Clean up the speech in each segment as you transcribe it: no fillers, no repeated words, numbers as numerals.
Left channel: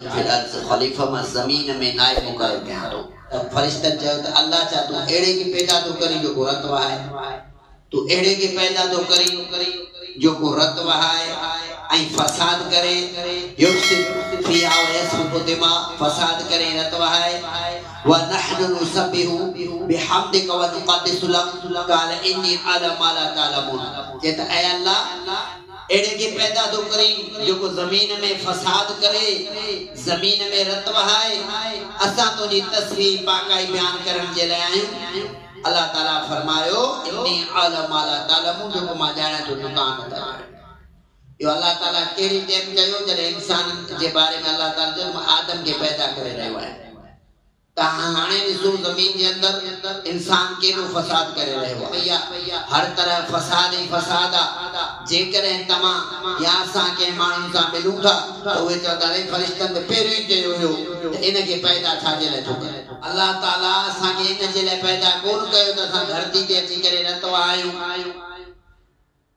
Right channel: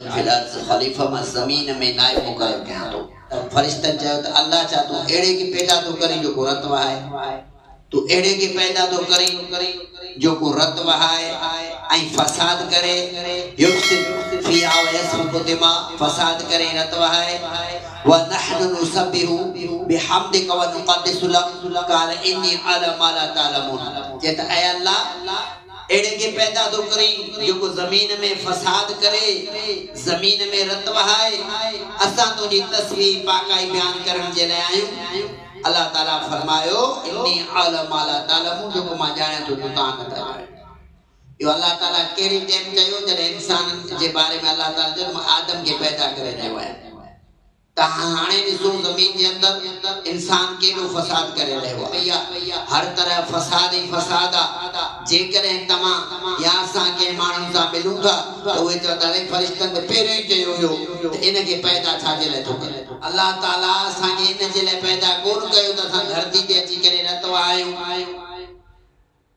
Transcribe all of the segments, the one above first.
फिलहाल खलीफा में जमीन में नायब मुकर्रर कया तो फरिश्तन चयो त अल्लाह चा तू एड़े के पैदा तो करी जो रत वहाए तू एड़े के पैदा तो करी जो रत वहाए आई फसाद करे युफ्सिद फिहा व यसफुकु दिमा फसाद करे रत वहाए व नहनु नुसब्बिहु बिहम्दिका व नुक़द्दिसु लक क़ाल इन्नी अला मा ला तअलमून जेत ऐ अल्लाह एड़े के पैदा तो करी जो जमीन में फसाद करे जमीन में रत वहाए असा तुझी तस्वीर पाकाई बयान करन जे लाए आयो अल्लाह ताला फरमायो इन्नी अला मा ला तअलमून जो मा जाने तो दुकान था यो अल्लाह ताला केड़ी टाइम कयो जरे इंसान जे बारे में अल्लाह ताला जो आदम के पैदा करे रहो है हाने ॾिसो ज़मीन जे अंदर इंसान केॾो फसाद करे रहियो भैया हर तरह फसाद ही फसाद जेकॾहिं तव्हां या असां कंहिं माण्हुनि सां मिलूं था त उहे चवंदा आहिनि फरिश्तनि त पहिरियों ई चयो हुयो त इन खे पैदा छाजे लाइ थो करे अल्लाह ताला असांखे इन जे लाइ पैदा कोन कयो त असां धरती ते अची करे रतो आहियूं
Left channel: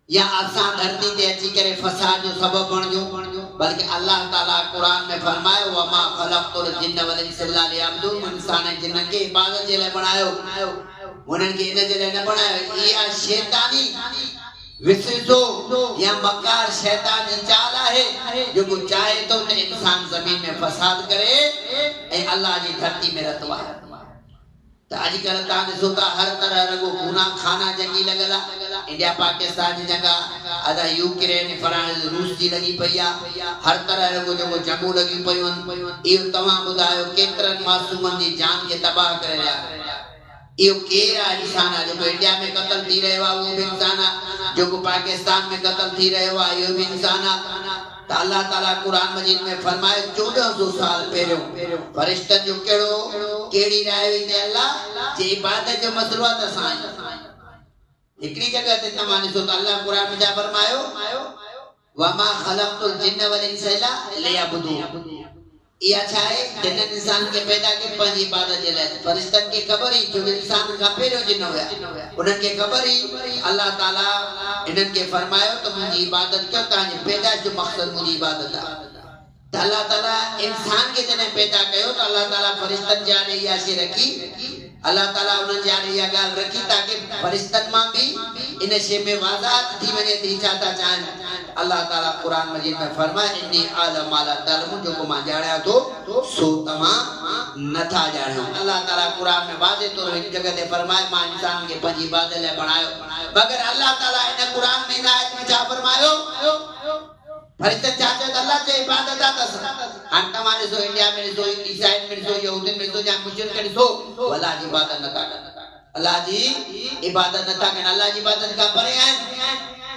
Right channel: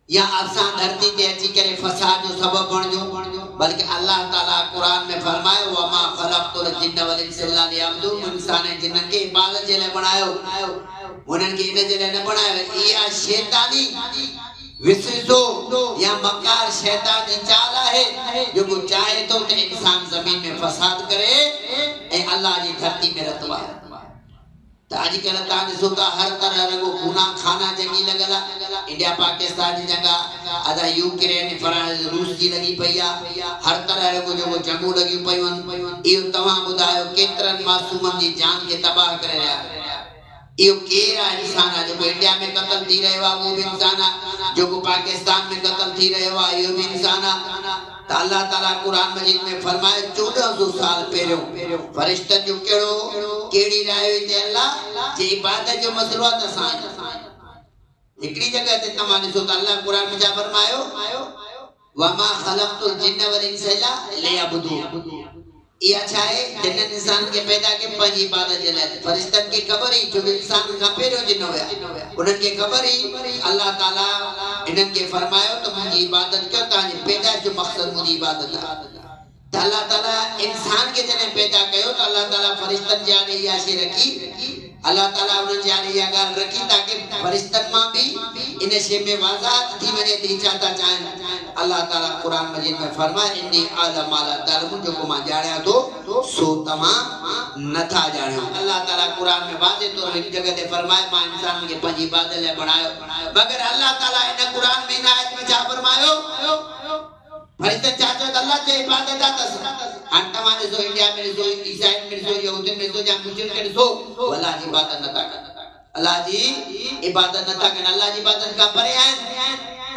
या असां धरती ते अची करे फसाद जो सबब बणिजो बल्कि अल्लाह ताला कुरान में फरमायो वमा खलक़तुल जिन्न वल इंसा इल्ला लियअबुदून इंसान जिन्न के इबादत जे लाइ बनायो उन्हनि खे इन जे लाइ न बनायो इहा शैतानी विसरिजो या मकार शैतानी चाल आहे जो चाहे तो त इंसान जमीन में फसाद करे ऐं अल्लाह जी धरती में रतो आहे त अॼुकल्ह तव्हां ॾिसो था हर तरह रुगो गुनाह खाना जंगी लॻल आहे इंडिया पाकिस्तान जी जगह अदा यूक्रेन फ्रांस रूस जी लगी पई आहे हर तरह रुगो जो जंगू लगी पयूं इहो तव्हां ॿुधायो केतिरनि मासूमनि जी जान खे तबाह करे रहिया इहो केरु आहे इंसान आहे जेको इंडिया में क़त्ल थी रहियो आहे उहो बि इंसान आहे जेको पाकिस्तान में क़त्ल थी रहियो आहे इहो बि इंसान आहे त अल्लाह ताला कुरान मजीद में फरमाए 1400 साल पहिरियों फरिश्तनि जो केड़ी राय हुई ते अल्लाह जे इबादत जो मसलो आहे त असां हिकड़ी जगह ते तव्हां ॾिसो त अल्लाह कुरान में छा फरमायो वमा खलक़तुल जिन्न वल इंसा इल्ला लियअबुदून इहा छा आहे जिन इंसान के पैदा के पंहिंजी इबादत जे लाइ फरिश्तनि खे ख़बर ई जो इंसान खां पहिरियों जिन हुया उन्हनि खे ख़बर ई अल्लाह ताला इन्हनि खे फरमायो त मुंहिंजी इबादत कयो तव्हांजी पैदाइश जो मक़सद मुंहिंजी इबादत आहे त अल्लाह ताला इंसान के जॾहिं पैदा कयो त अल्लाह ताला फरिश्तनि जे आॾे इहा शइ रखी अल्लाह ताला उन्हनि जे आॾे इहा ॻाल्हि रखी ताकी फरिश्तनि मां बि इन शइ में वाज़ा थी वञे त छा था चाहिनि अल्लाह ताला कुरान मजीद में फरमाए इन्नी अला मा ला तअलमून जो मां ॼाणियां थो सो तव्हां नथा ॼाणियो अल्लाह ताला कुरान में वाज़े तौर हिकु जगह ते फरमाए मां इंसान खे पंहिंजी इबादत लाइ बणायो मगर अल्लाह ताला इन कुरान में इन आयत में छा फरमायो फरिश्ते छा चयो अल्लाह जे इबादत आहे हाणे तव्हां ॾिसो इंडिया में ॾिसो ईसाइन में ॾिसो यहूदियुनि में ॾिसो या मुशरिक ॾिसो अल्लाह जी इबादत नथा कनि अल्लाह जी इबादत नथा कनि अल्लाह जी इबादत खां परे आहिनि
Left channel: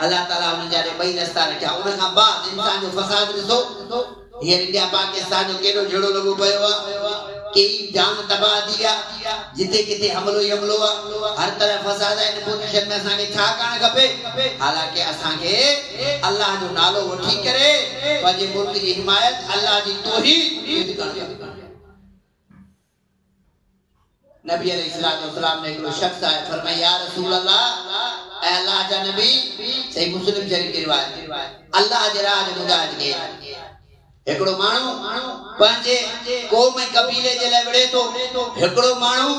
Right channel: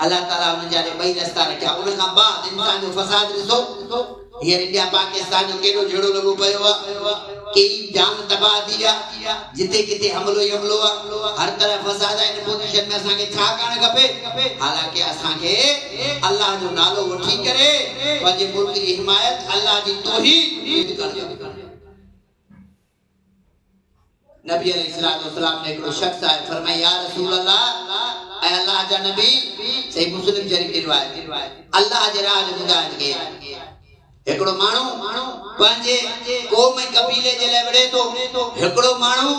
अल्लाह ताला उन जे ॿई रस्ता रखिया उन खां बाद इंसान जो फसाद ॾिसो हींअर इंडिया पाकिस्तान जो केॾो झेड़ो लॻो पियो आहे केई जान तबाह थी विया जिते किथे हमलो ई हमलो आहे हर तरह फसाद आहे इन पोज़ीशन में असांखे छा करणु खपे हालांकि असांखे अल्लाह जो नालो वठी करे पंहिंजे मुल्क जी हिमायत अल्लाह जी तौहीद करणु नबी अलैहिस्सलाम ने हिकिड़ो शख्स आहे फरमाया या रसूल अल्लाह ऐ अल्लाह जा नबी सही मुस्लिम शरीफ की रिवायत अल्लाह जे राह जो ॿुधाइजे हिकिड़ो माण्हू पंहिंजे क़ौम ऐं कबीले जे लाइ विढ़े थो हिकिड़ो माण्हू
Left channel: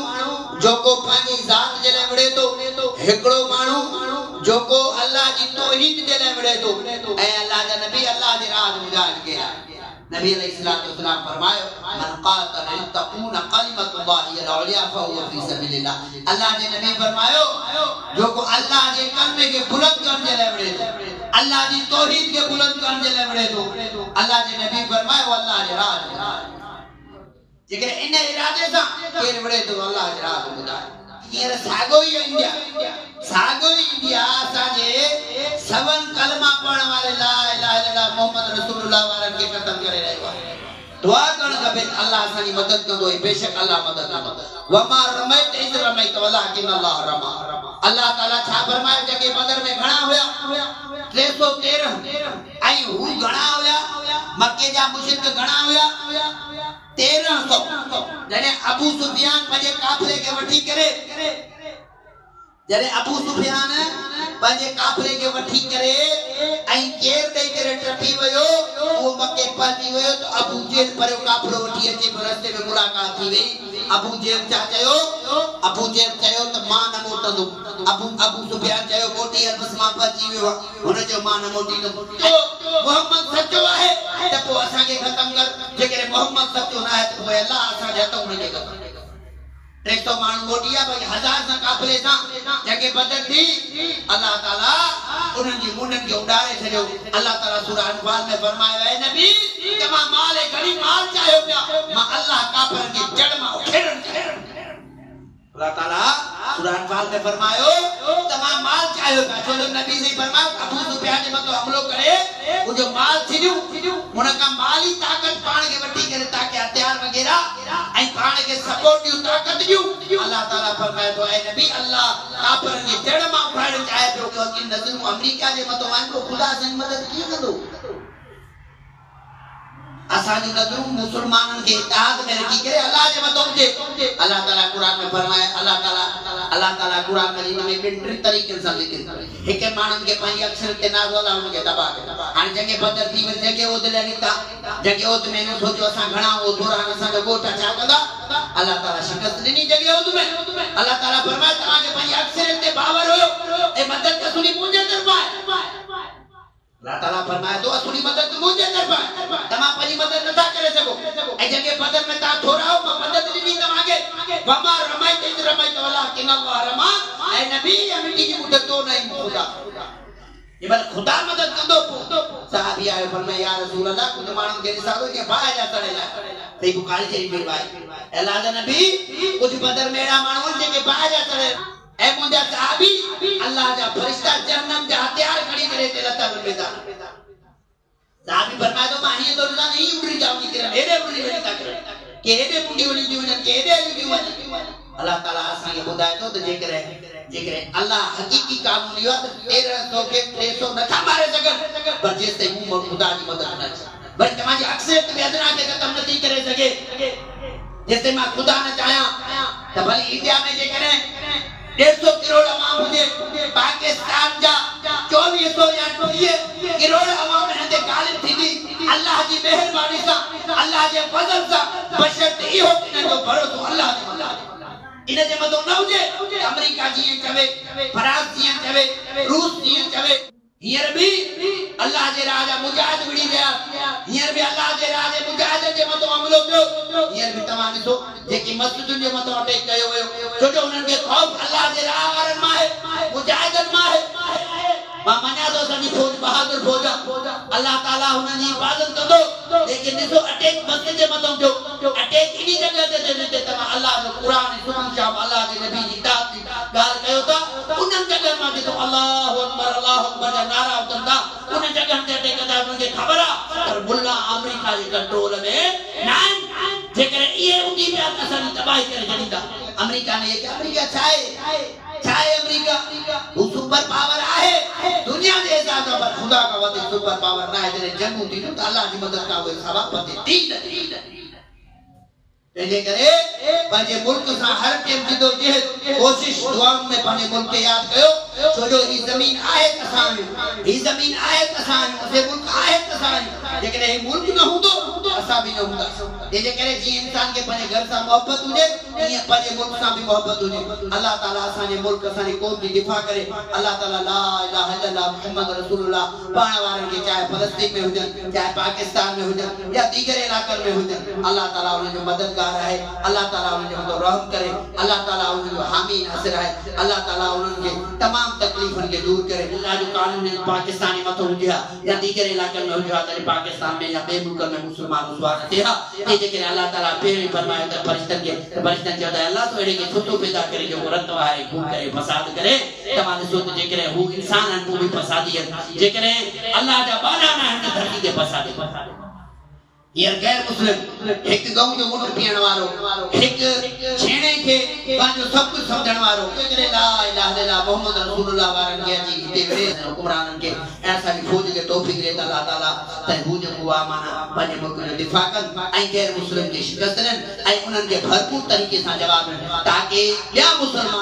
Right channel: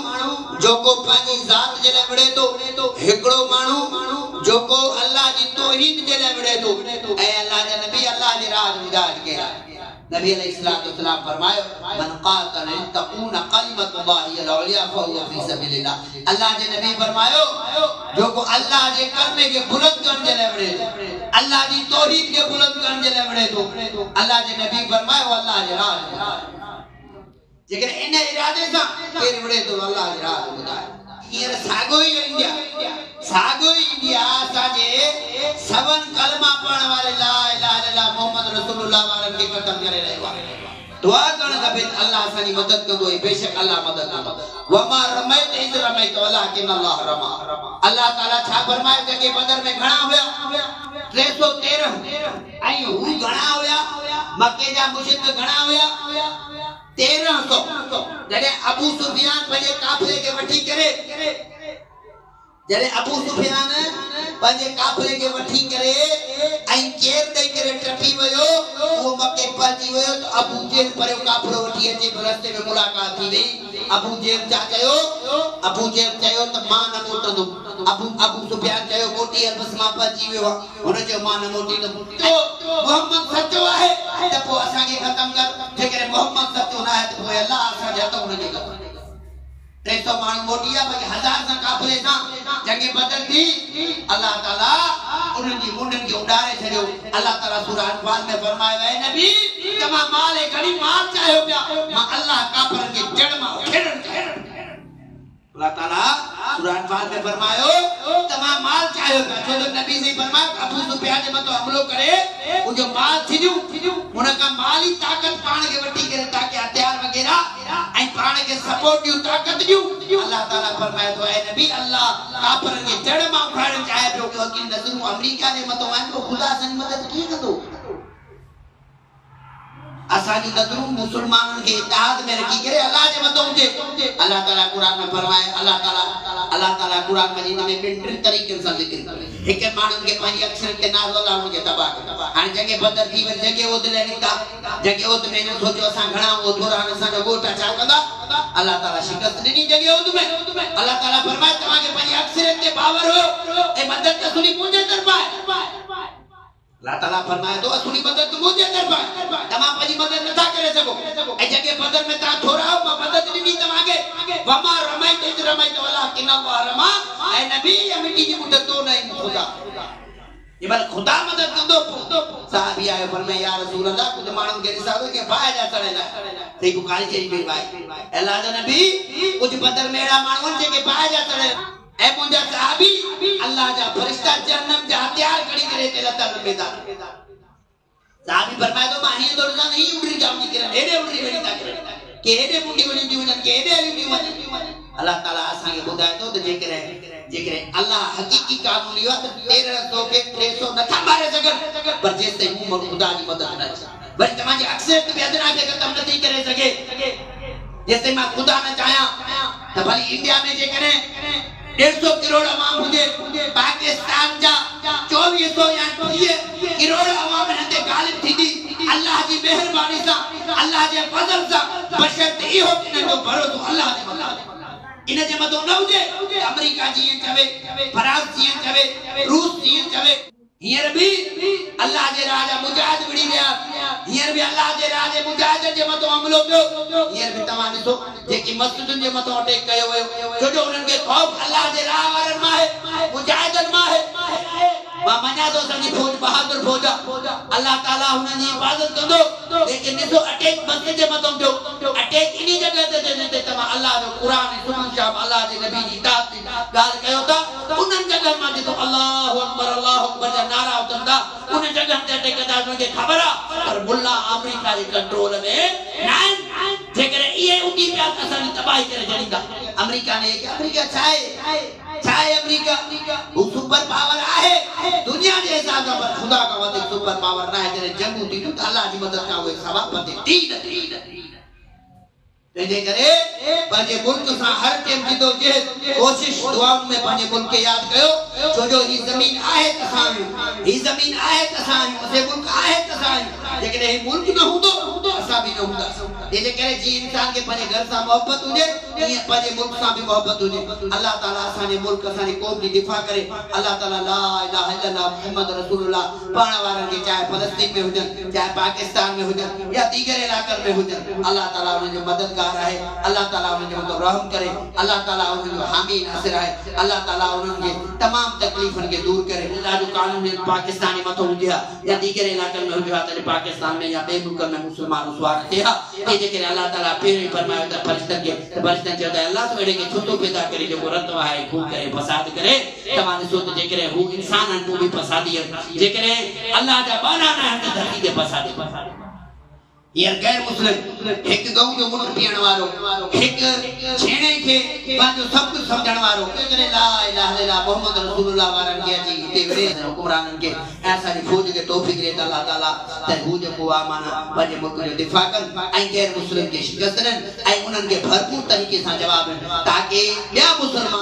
जेको पंहिंजी ज़ात जे लाइ विढ़े थो हिकिड़ो माण्हू जेको अल्लाह जी तौहीद जे लाइ विढ़े थो ऐं अल्लाह जा नबी अल्लाह जे राह जो ॿुधाइजे नबी अलैहिस्सलाम फरमायो मन क़ातल लितकून कलिमतुल्लाहि अल-उलिया फहुव फी सबीलिल्लाह अल्लाह जे नबी फरमायो जो को अल्लाह जे कलमे के बुलंद करण जे लाइ विढ़े थो अल्लाह जी तौहीद के बुलंद करण जे लाइ विढ़े थो अल्लाह जे नबी फरमायो अल्लाह जे राह जेकर इन इरादे सां केर विढ़े थो अल्लाह जे राह ॿुधाए हींअर साॻियो ई इंडिया असांजे सभनि कलमा पढ़ण वारे ला इलाहा इल्लल्लाह मोहम्मद रसूलुल्लाह वारनि खे ख़तम करे रहियो आहे दुआ करणु खपे अल्लाह असांजी मदद कंदो बेशक अल्लाह मदद कंदो वमा रमैत इज़ रमैत वलाकिन अल्लाह रमा अल्लाह ताला छा फरमाए जेके बदर में घणा हुया 313 ऐं हू घणा हुया मक्के जा मुशरिक घणा हुया 1300 जॾहिं अबू सुफियान पंहिंजे काफ़िले खे वठी करे जरे अबू सुफियान पंहिंजे काफिले खे वठी करे ऐं केर ॾेई करे टपी वियो उहो मके पहुची वियो त अबू जेल पर काफिलो वठी अचे रस्ते में मुलाक़ात थी वई अबू जेल चयो त मां न मोटंदुमि अबू सुफियान चयो कोटी बस मां पहुची वियो हुन जो मां न मोटींदुमि मोहम्मद सचो आहे त पोइ असांखे ख़तम कर जेकॾहिं मोहम्मद सचो न आहे त पोइ अलाह असांजे हथ हुनखे कर 300 माण्हू मोटिया पर 1000 सां काफिले सां जंग बदर थी अल्लाह ताला उन्हनि जी मुंडनि खे उॾारे छॾियो अल्लाह ताला सूरह अनफाल में फरमायो है नबी तमाम माल है घणी माल चाहियो पिया मां अल्लाह काफिरनि खे जड़ मां उखेड़ण अल्लाह ताला सूरह अनफाल में फरमायो तमाम माल चाहियो पिया छो जो नबी से फरमायो अबू सुफियान जे मथां हमलो करे वो जो माल थिरियो हुन खां माली ताकत पाण खे वठी करे ताकि हथियार वगैरह ऐं पाण खे सपोर्ट ॾियो ताकत ॾियो अल्लाह ताला फरमाए थो ऐ नबी अल्लाह काफिरनि खे जड़ मां उखाड़ण चाहे पियो कि अॼु नज़रूं अमेरिका जे मथां आहिनि तो ख़ुदा असांजी मदद कीअं कंदो असांजी नज़रूं मुसलमाननि खे इत्तेहाद में रखी करे अल्लाह जे मथां हुजे अल्लाह ताला क़ुरान में फरमाए अल्लाह ताला क़ुरान मजीद में ॿिनि तरीक़नि सां ज़िक्र करे हिकु माण्हुनि खे पंहिंजी अक्षर ते नाज़ अल्लाह हुनखे तबाह कयो हाणे जंग बदर थी वई जंग उहद लाइ निकिता जंग उहद में न सोचियो असां घणा हो थोरा असांजो ॻोठ छा कंदा अल्लाह ताला शिकस्त ॾिनी जंग उहद में अल्लाह ताला फरमाए तव्हांखे पंहिंजी अक्षर ते बावर हुयो ऐं मदद असुली मुंहिंजे तरफ़ां आहे अल्लाह ताला फरमाए तो असुली मदद मुझे कर पाए तमा पंहिंजी मदद नथा करे सको ऐं जंहिं बदर में तव्हां थोरा हो मां मदद ॾिनी तव्हांखे वमा रमाई ते रमाई तो अल्लाह कि न रमा ऐं नबी मिट्टी जी मुदत तो नहीं खुदा ये बार खुदा मदद कंदो साहबी आयो फरमाए या रसूल अल्लाह कुझु माण्हुनि खे ॾिसां के बाहि जा तड़ियल सही बुखारी चई पई भाई अल्लाह जा नबी कुझु बदर में अहिड़ा माण्हू जेके बाहि जा तड़ियल ऐ मुंहिंजा सहाबी अल्लाह जा फरिश्ता जहन्नम जा हथियार खणी करे ते लतल में था सहाबी फरमाए तो मां हीअं थो ॾिसां ही उड़री जाऊं कि हेॾे उड़री वञी था करे के हेॾे मुंडी वञी थियूं वञनि के हेॾे हली थियूं वञनि अल्लाह ताला असांखे ॿुधाए थो त जेकॾहिं अल्लाह हक़ीक़ी कानून इहो आहे त 1300 खे 300 नथा मारे सघनि पर जेसि ताईं मूं ख़ुदा जी मदद न अचे भई तव्हांजी अक्सरियत में अदना खे ख़तमु नथी करे सघे जेसि ताईं मां ख़ुदा न चाहियां त भली इंडिया में जेकॾहिं 150 करोड़ अवाम हुजे पाकिस्तान जा 2400 या 30 करोड़ अवाम हिते गालिब थींदी अल्लाह जी मेहरबानी सां अल्लाह जे फज़ल सां बशर्त इहो इन जो भरोसो अल्लाह जे मथां इन जे मथां न हुजे अमेरिका जीअं चवे फ्रांस जीअं चवे रूस जीअं चवे हींअर बि अल्लाह जे राह जा मुजाहिद विड़ी विया हींअर बि अल्लाह जे राह जे मुजाहिदनि जे मथां हमलो कयो हींअर बि तव्हां ॾिसो जेकी मस्जिदुनि जे मथां अटैक कयो वियो छो जो उन्हनि खे ख़ौफ़ अल्लाह जे राह वारनि मां आहे मुजाहिदनि मां आहे मां मञा थो असांजी फौज बहादुर फौज आहे अल्लाह ताला हुननि जी हिफ़ाज़त कंदो लेकिन ॾिसो अटैक मस्जिद जे मथां थियो अटैक इन जॻह ते थियो जिते तव्हां अल्लाह जो क़ुरान सुनन था अल्लाह जे नबी जी इताअत जी ॻाल्हि कयो था उन्हनि जॻहनि मां जिते अल्लाहु अकबर जा नारा उथनि था उन जॻहनि ते अटैक कंदा उन्हनि खे ख़बर आहे पर मुल्ला अमेरिका जे कंट्रोल में न आहिनि जेकॾहिं इहे उठी विया त असांजी तबाही करे छॾींदा अमेरिका ने अमेरिका छा आहे अमेरिका वो सुपर पावर आहे दुनिया जे हिसाब सां पर खुदा का वधीक सुपर पावर न आहे जॾहिं जंगूं थी त अल्लाह जी मदद खां उहे सवाब थी तंहिंजे करे पंहिंजे मुल्क सां हर टाइम जिदोजहद कोशिश दुआउनि में पंहिंजे मुल्क खे यादि कयो छो जो ही ज़मीन आहे त असां आहियूं ही ज़मीन आहे त असां आहियूं असां मुल्क आहे त असां आहियूं जेकॾहिं ही मुल्क न हूंदो असां बि न हूंदासीं तंहिंजे करे जीअं इंसान खे पंहिंजे घर सां मोहबत हुजे ईअं पंहिंजे मुल्क सां बि मोहबत हुजे अल्लाह ताला असांजे मुल्क असांजी क़ौम जी दिफ़ा करे अल्लाह ताला ला इलाहा इल्लल्लाह मुहम्मद रसूलुल्लाह पाण वारनि खे चाहे फ़लस्तीन में हुजनि चाहे पाकिस्तान में हुजनि या दीगर इलाक़नि में हुजनि अल्लाह ताला उन्हनि जो मददगार है अल्लाह ताला उन्हनि जो रहम करे अल्लाह ताला उन्हनि जो हामी नासिर है अल्लाह ताला उन्हनि खे तमाम तकलीफ़ुनि खे दूर करे अल्लाह जो कानून पाकिस्तानी मथां हुजे या दीगर इलाक़नि में हुजे त पाकिस्तान में या ॿिए मुल्कनि में मुस्लमान सुवार थिए तंहिंजे करे अल्लाह ताला पहिरीं फरमायो त फरिश्तनि चयो त अल्लाह तो अहिड़े खे छो थो पैदा करे जेको रत वहाए खून करे फसाद करे तव्हां ॾिसो त जेकॾहिं हू इंसान आहिनि तूं बि फसादी आहिनि जेकॾहिं अल्लाह जा बाना न आहिनि त धरती ते फसादे यार गैर मुस्लिम एक गऊ जो मुंड पीअण वारो एक छेणे के पंहिंजो सब कुछ समझण वारो करे ला इलाहा इल्लल्लाह मोहम्मद रसूलुल्लाह वारन के अची हिते विड़े हुकुमराननि खे ऐं असांजी फौज खे तौफ़ीक़ ॾे त अल्लाह ताला त हू जेको आहे माना पंहिंजे मुल्क जो दिफ़ा कनि ऐं गैर मुस्लिम खे शिकस्त ॾियनि ऐं उन्हनि खे भरपूर तरीक़े सां जवाब ॾियनि ताकी ॿिया मुस्लमान